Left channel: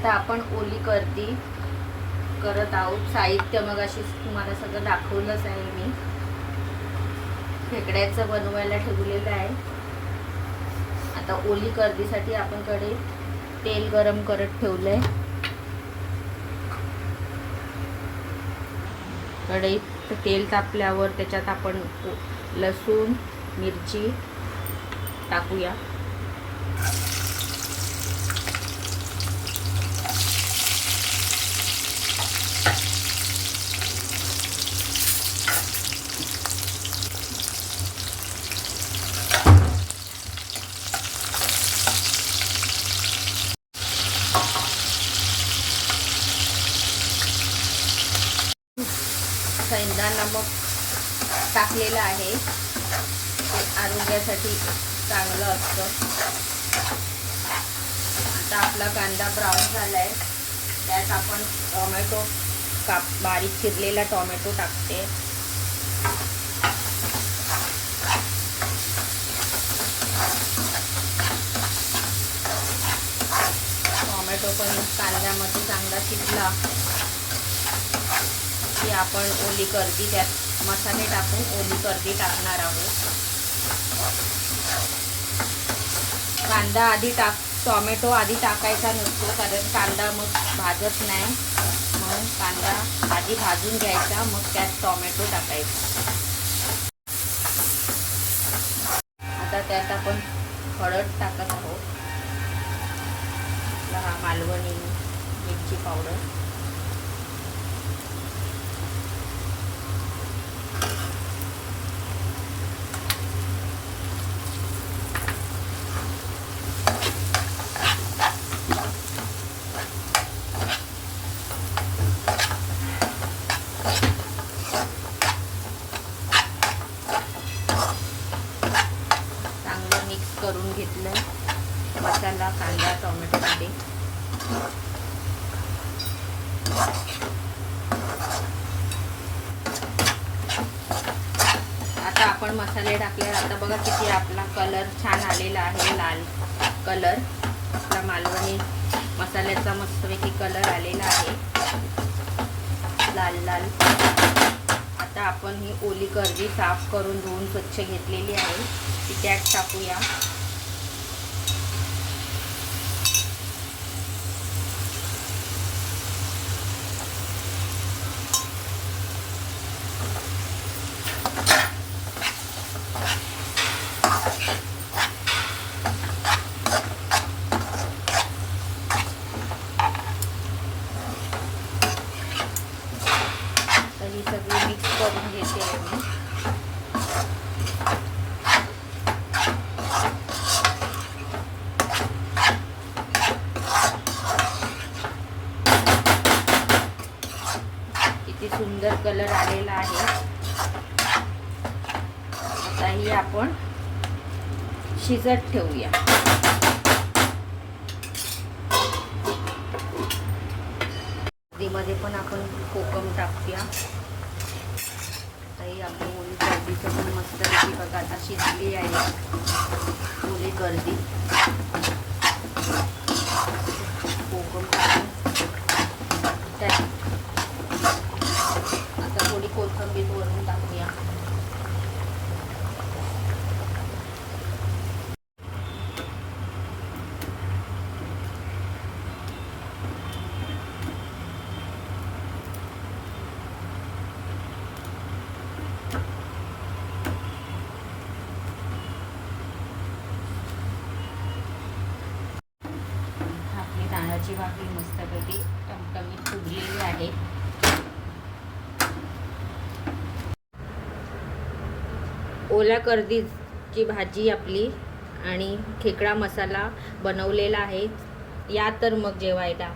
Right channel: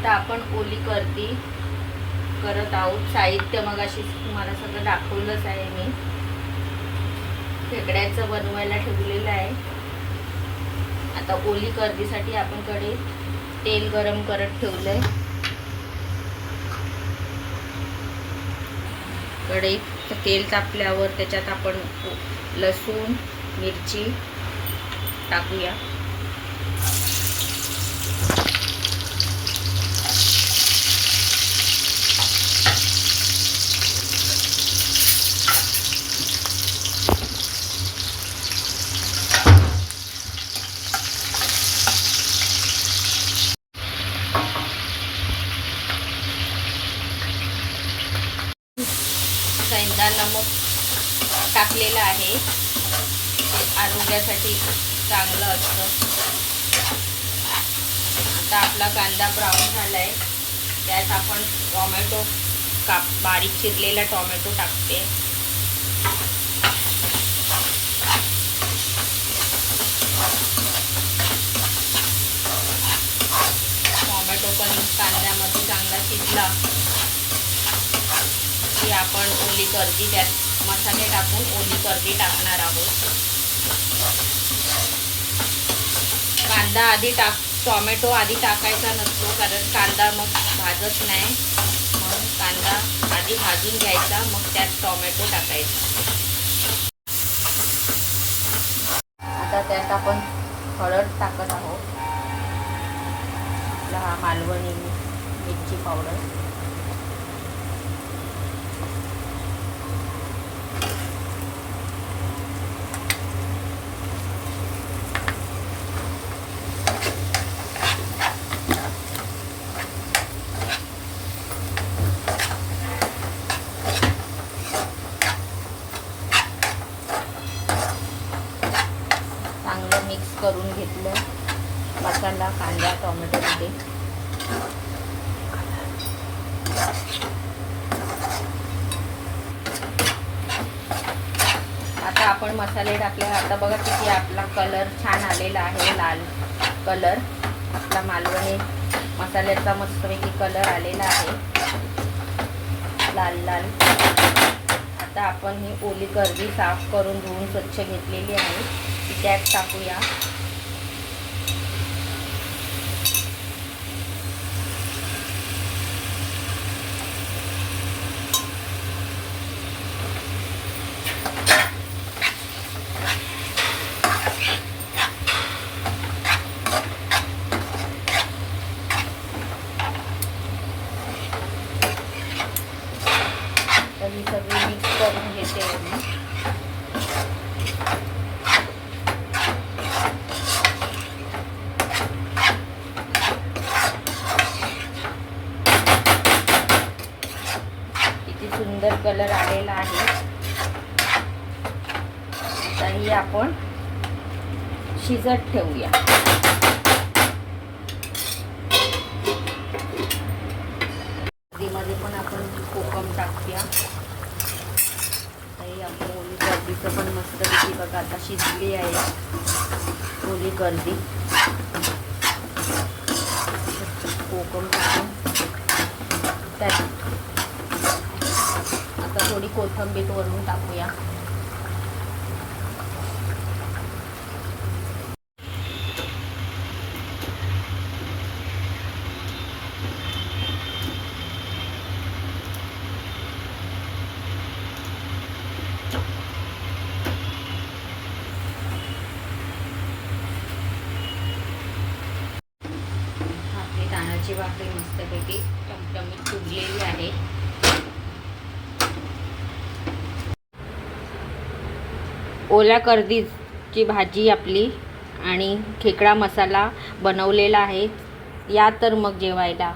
आता आपण ओली करती करत आहोत. साहित्य मग अशी तुम्हाला सगळं दाखवलंच आहे मी. खेकड्याचं बनवायला ठेवलेलं आहे. आता ओली करदीसाठी आपण कढईत तेल गरम करत ठेवलंय. कढईत तेल तापल्यावर त्याच्यात आपण लसूण मिरची टाकूया. कांदा नमक टाकलेलं आहे. ते आरोग्यासाठी चांगलं असतं. आता आपला कांदा ब्राऊन झालाय. त्यात आपण टोमॅटो बारीक चिरलेला टोमॅटो टाकते. टोमॅटो पण कांद्यामध्ये चांगला शिजला की आपण ओली करदी त्यात मसाले टाकून ओली करदी टाकणार आहोत. कांदा आधी टोमॅटो आधी टाकायचा नसतो, कारण कांदा मग भाजत नाही. म्हणून कांदा आधी भाजून घ्यायचा, मग त्यात टोमॅटो टाकायचा. आता त्यात आपण हळद टाकत आहोत. हा मालवणी मिरची पावडर, चांगलं मिक्स करून घेतलं मसाला कांदा टोमॅटोमध्ये. आता आपण मसाले टाकले. आता बघा किती आपला कलर छान आलेला आहे, लाल कलर. आपला मालवणी मसाल्याचा मस्तपैकी कलर आलेला आहे, लाल लाल. आता आपण ही ओली करदी साफ करून धुवून स्वच्छ घेतलेली आहे, ती त्यात टाकूया. ही सगळी मिक्स करून घेते मी. किती सुंदर कलर आलेला आहे. आता ही आपण शिजत ठेवूया. मध्ये पण आपण कोकम टाकूया. ही आपली ओली करदीचं पण मस्तपैकी बघा आता शिजली आहे ओली करदी. कोकम टाकून त्यात आता थोडी कोथिंबीर वरून टाकूया. तांदळाची भाकरी मस्तपैकी टमटमीत फुगलेली आहे. ओल्या करदीची भाजी आपली आणि खेकडा मसाला बनवलेला आहे. या तर मग जेवायला.